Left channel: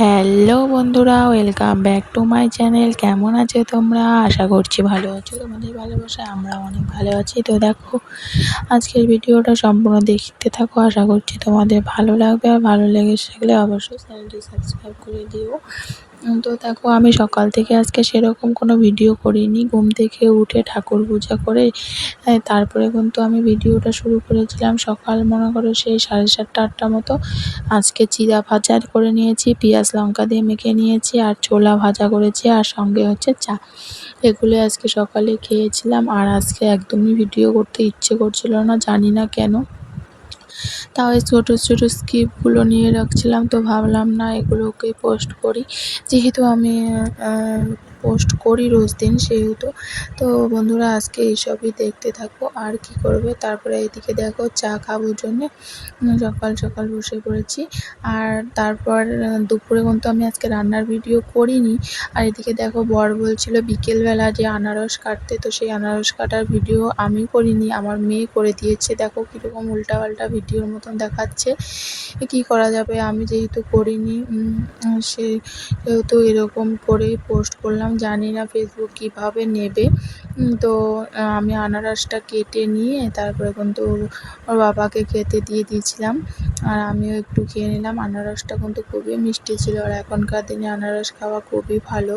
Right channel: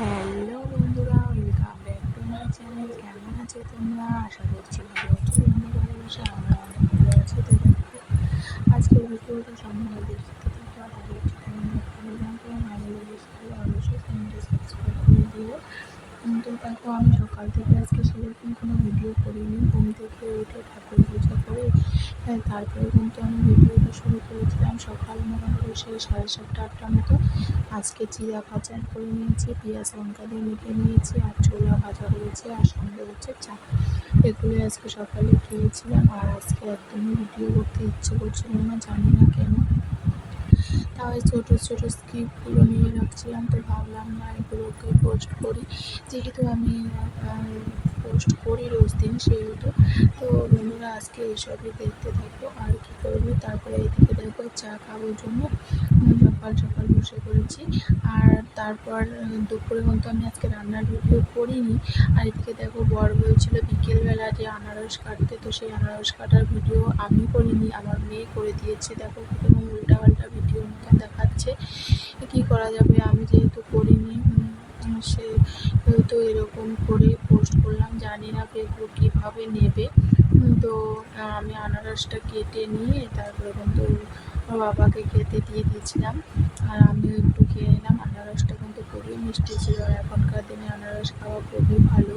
Hello বন্ধুরা, welcome back to my channel. কেমন আছো তোমরা? আশা করছি ভালো আছো। তোমাদের ভালোবাসায় আমরা অনেক ভালো আছি। তো দেখো, আজকের ভিডিওটা সম্পূর্ণ দেখতে থাকো। আশা করছি তোমাদের ভালো লাগবে, আর ভালো লেগে থাকলে অবশ্যই চ্যানেলটি সাবস্ক্রাইব করে দিও। তো দেখো, আমি সকাল থেকে আজকে সেরকম কোনো ভিডিও করিনি। ঘুম থেকে উঠে ঠাকুর পূজা করে তারপরে কিন্তু আমি ভিডিওটা শুরু করেছিলাম। সকাল মনে করো সেই 7:30-8টার মতো। আজকে চিড়া ভাজা করে নিয়েছি, পেঁয়াজ লঙ্কা দিয়ে মেখে নিয়েছি, আর ছোলা ভাজা করেছি, আর সঙ্গে হচ্ছে চা। এগুলো আজকে সকালে খেয়েছিলাম। আর আজকে একদমই ভিডিও করতে ইচ্ছে করছিল না, জানি না কেন। তাও এই ছোটো ছোটো স্কিপগুলো নিয়ে রাখছিলাম, তো ভাবলাম না এগুলোকেই পোস্ট করি, যেহেতু আমি পোস্ট করি রোজ দিন, সেহেতু। তো বন্ধুরা, আজকে এইসবই দেখতে থাকবো। আর কি করবে, তারপরে এইদিকে দেখো চা খাবোর জন্যে সকাল সকাল বসে পড়েছি। আর তারপর দুপুরে কিন্তু আমি আজকে রান্নার ভিডিও করিনি। আর এদিকে দেখো, বর বলছিল বিকেলবেলা যে আনারস কাটতে, তো সেই আনারস কাটার ভিডিও আমি করিনি, আমার মেয়ে করে দিয়েছে। দেখো কীরকম উল্টাপাল্টা ভিডিওর মতন দেখাচ্ছে। কী করা যাবে, আমি যেহেতু করিনি সেহেতু এরকম করেই পোস্ট করলাম। জানি না ফেসবুক কীভাবে নেবে। তো আমি আনারসটা কেটে নিয়ে তারপরে কিন্তু ওর বাবাকে খেতে দিয়ে দিয়েছিলাম, আর আমিও একটু খেয়ে নিলাম। আনারসটা কিন্তু খুবই মিষ্টি ছিল, আর এখনকার দিনে আনারস খাওয়া খুবই ভালো।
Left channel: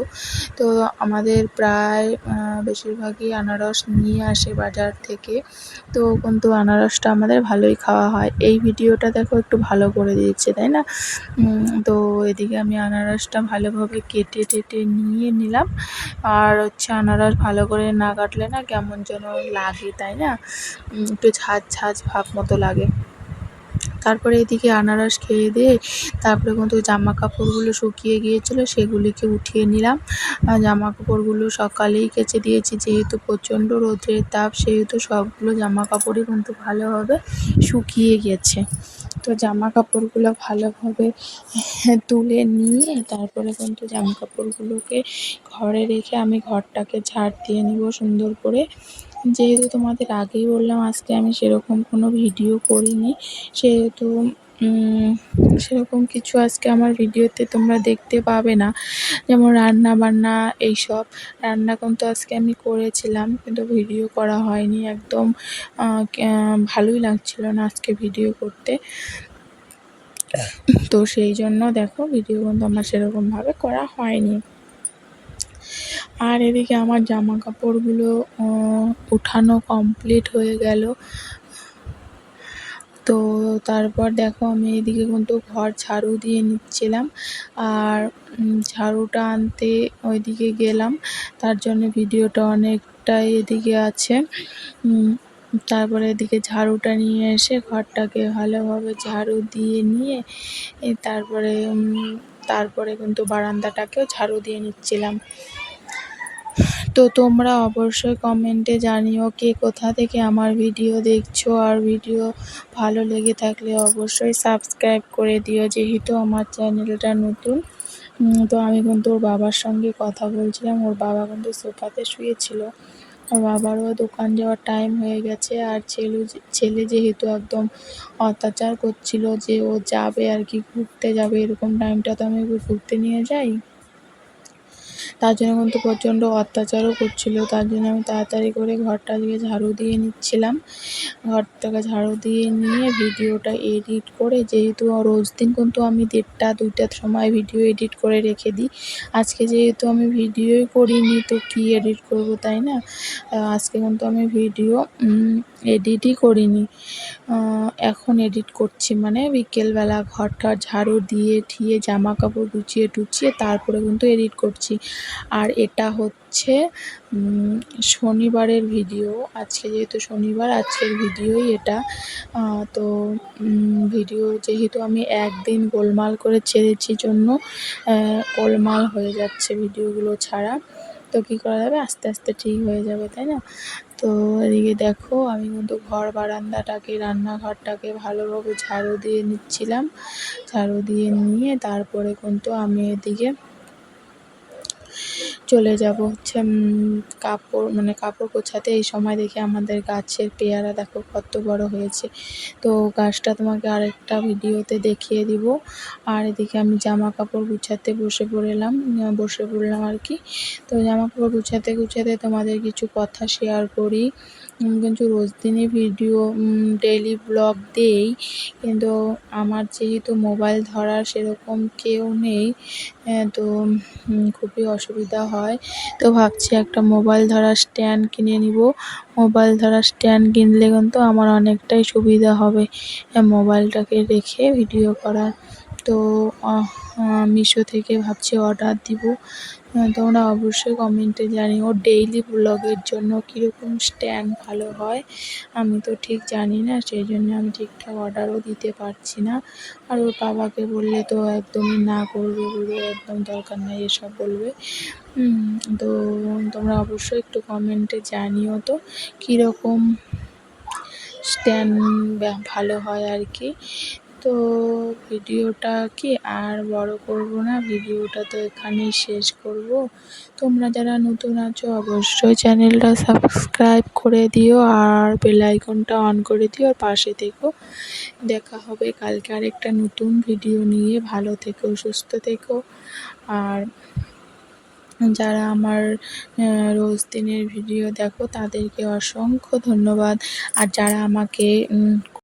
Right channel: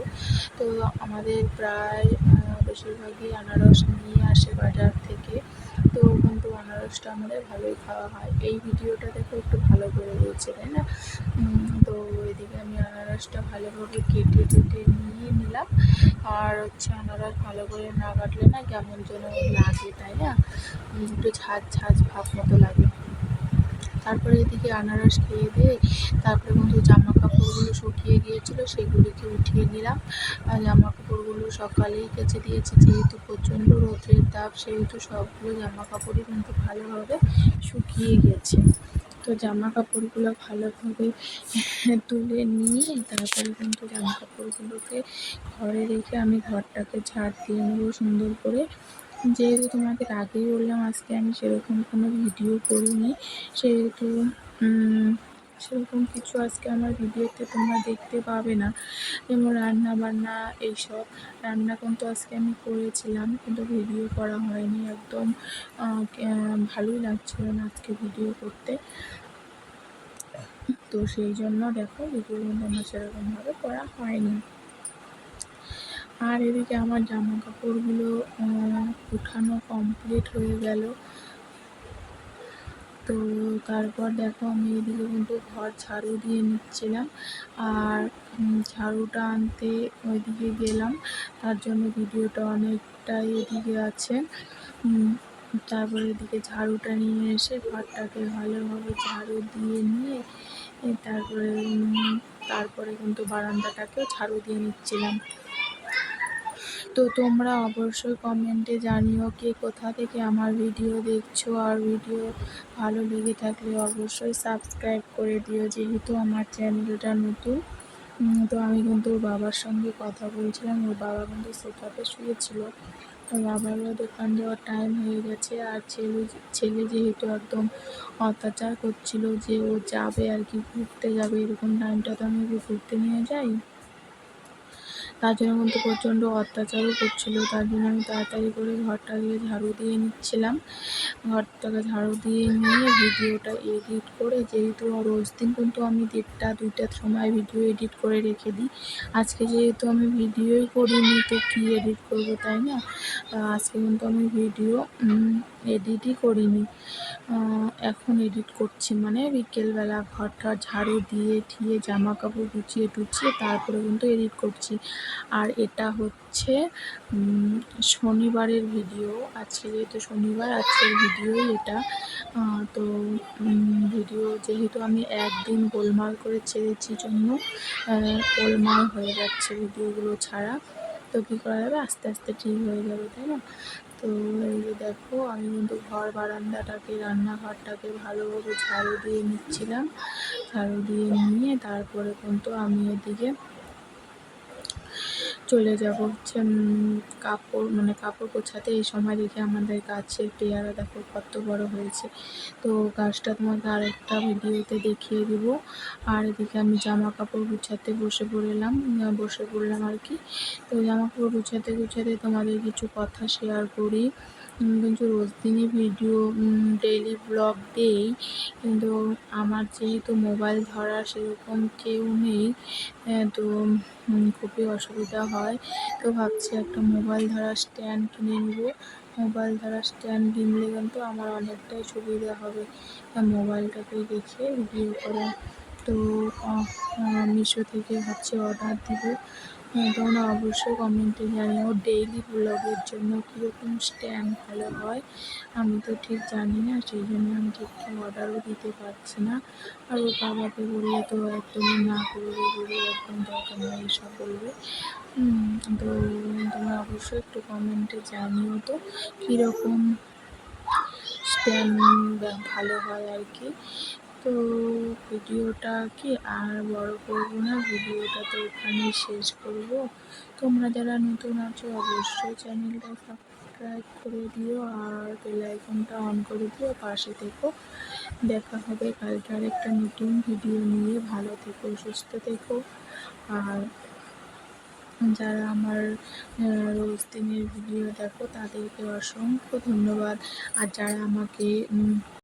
তো আমাদের প্রায় বেশিরভাগই আনারস নিয়ে আসে বাজার থেকে, তো কিন্তু আনারসটা আমাদের ভালোই খাওয়া হয়। এই ভিডিওটা দেখো একটু ভালো করে দিয়েছে, তাই না? তো এদিকে আমি আনারসটা ভালোভাবে কেটে টেটে নিয়ে নিলাম। আর হচ্ছে আনারস ভালো করে না কাটলে না কেমন যেন লাগে, তাই না? একটু ঝাঁঝ ঝাঁঝ ভাব মতো লাগে। তারপরে এদিকে আনারস খেয়ে দিয়ে তারপরে কিন্তু জামা কাপড়গুলো শুকিয়ে গিয়েছিলো, সেগুলিকে উঠিয়ে নিলাম। আর জামা কাপড়গুলো সকালেই কেচে দিয়েছি, যেহেতু প্রচণ্ড রোদের তাপ, সেহেতু সবগুলো জামা কাপড়ই কিন্তু ভালোভাবে শুকিয়ে গেছে। তো জামা কাপড়গুলো ভালোভাবে তুলে নিয়ে তারপরে কিন্তু জামা কাপড়গুলোকে ঘরে রেখে আমি ঘরটাকে ঝাড় দিয়ে নেব সুন্দর করে। যেহেতু তোমাদের আগেই বললাম আজকে আমি সেরকম কোনো ভিডিও করিনি, সেহেতু সেরকম কিছু আজকে আমার ভিডিওতে তোমরা দেখতে পাবে না, যেমন রান্না বান্না এইসব। রান্না কিন্তু আজকে আমি করেছিলাম, কিন্তু ভিডিও করা হয়নি। একদম ভালোই লাগছিল না আজকে ভিডিও করতে। তো সেই জন্য দেখো ভিডিও কিন্তু আমার সেরকমভাবে করা হয়নি। আর এদিকে আমার জামা কাপড়গুলো উঠানো কমপ্লিট হয়ে গেল। তো তারপর দেখো, আমি এদিকে কিন্তু ঘর ঝাড়ু দিয়ে নিচ্ছিলাম, আর ঝাড়ুটা আনতে ওইদিকে গেলাম, তার জন্য ভিডিওটা অনেকটাই এদিকে আছে। তারপরে এদিকে ঝাড়ুটা নিয়ে এসে ঘরটাকে ভালোভাবে ঝাড়ু দিয়ে নিয়ে তারপরে কিন্তু বারান্দাটাকেও ঝাড়ু দিয়ে নিচ্ছিলাম। তো তোমরা অবশ্যই কমেন্টে জানিও কে কোথা থেকে আমার ভিডিও দেখছো, আর ভিডিও ভালো লেগে থাকলে অবশ্যই সাবস্ক্রাইব করে দিও, যেহেতু আমার চ্যানেলটা নতুন। তো আমি কিন্তু ওর বাবার সঙ্গে কথা বলছিলাম। ওর বাবা কিন্তু সোফাতে শুয়েছিল। ওর বাবারও দোকান যাওয়ার টাইম হয়ে গেছে, আর ছেলে যেহেতু একদম অত্যাচার করছিল যে ও যাবে আর কি, ঘুরতে যাবে, এরকম টাইমটা তো আমি ওকে ঘুরতে নিয়ে যাই। তার জন্য কিন্তু প্রচণ্ড অত্যাচারও করছিল। তার জন্য আমি তাড়াতাড়ি করে ঘরটা দিয়ে ঝাড়ু দিয়ে নিচ্ছিলাম। ঘরটাকে ঝাড়ু দিয়ে নিয়ে ভিডিওটা এডিট করে, যেহেতু রোজ দিন কিন্তু আমি 1:30-2টার সময় ভিডিও এডিট করে রেখে দিই। আজকে যেহেতু আমি ভিডিওই করিনি, তো কী এডিট করব, তাই না? আজকে কিন্তু আমি ভিডিও এডিটই করিনি, এখন এডিট করছি, মানে বিকেলবেলা ঘরটা ঝাড়ু দিয়ে ঠিয়ে জামা কাপড় গুছিয়ে টুছিয়ে তারপরে কিন্তু এডিট করছি। আর এটা হচ্ছে শনিবারের ভিডিও। আজকে যেহেতু শনিবার, আজকের ভিডিওই এটা। তো ভিডিও যেহেতু আমি একদিন গোলমাল করে ছেড়েছি জন্য গোলমাল হয়ে যাচ্ছে ভিডিওগুলো ছাড়া। তো কী করা যাবে, আস্তে আস্তে ঠিক হয়ে যাবে, তাই না? তো এদিকে দেখো, আমি কিন্তু ঘর বারান্দাটাকে, রান্নাঘরটাকে ভালোভাবে ঝাড়ু দিয়ে নিচ্ছিলাম। ঝাড়ু দিয়ে নিয়ে তারপরে কিন্তু আমি এদিকে চলে যাব হচ্ছে কাপড় গোছাতে। এই সময় দেখি আমাদের গাছের পেয়ারা দেখো কত বড় হয়েছে। তো গাছটা তোমাকে আরেকটা ভিডিওতে দেখিয়ে দিব। আর এদিকে আমি জামা কাপড় গুছাতে বসে পড়লাম আর কি। তো জামা কাপড় গুছাতে তোমাদের কিছু কথা শেয়ার করি। কিন্তু রোজ দিনই ভিডিও ডেইলি ব্লগ দেই, কিন্তু আমার যেহেতু মোবাইল ধরার সেরকম কেউ নেই, তো খুবই অসুবিধা হয়। তো ভাবছি একটা মোবাইল ধরার স্ট্যান্ড কিনে নিব। মোবাইল ধরার স্ট্যান্ড কিনলে কিন্তু আমার অনেকটাই সুবিধা হবে মোবাইলটাকে রেখে ভিডিও করার। তো মিশো থেকে ভাবছি অর্ডার দিব। তোমরা অবশ্যই কমেন্টে জানিও ডেইলি ব্লগের জন্য কীরকম স্ট্যান্ড ভালো হয়। আমি তো ঠিক জানি না, সেই জন্য আমি ঠিকঠাক অর্ডারও দিতে পারছি না। আর ওর বাবাকে বললে তো একদমই না করবে, বলবে একদম দরকার নেই এসব বলবে। তো তোমরা অবশ্যই একটু কমেন্টে জানিও তো কীরকম স্ট্যান্ড ভালো হয় আর কি। তো ভিডিওটা কি আর বড় করব না, ভিডিওটা তো এখানেই শেষ করব। তোমরা যারা নতুন আছো অবশ্যই চ্যানেলটা সাবস্ক্রাইব করে দিও আর বেল আইকনটা অন করে দিও, পাশে থেকো। দেখা হবে কালকে আরেকটা নতুন ভিডিও নিয়ে। ভালো থেকো, সুস্থ থেকো। আর যারা আমার রোজ দিনের ভিডিও দেখো তাদেরকে অসংখ্য ধন্যবাদ। আর যারা আমাকে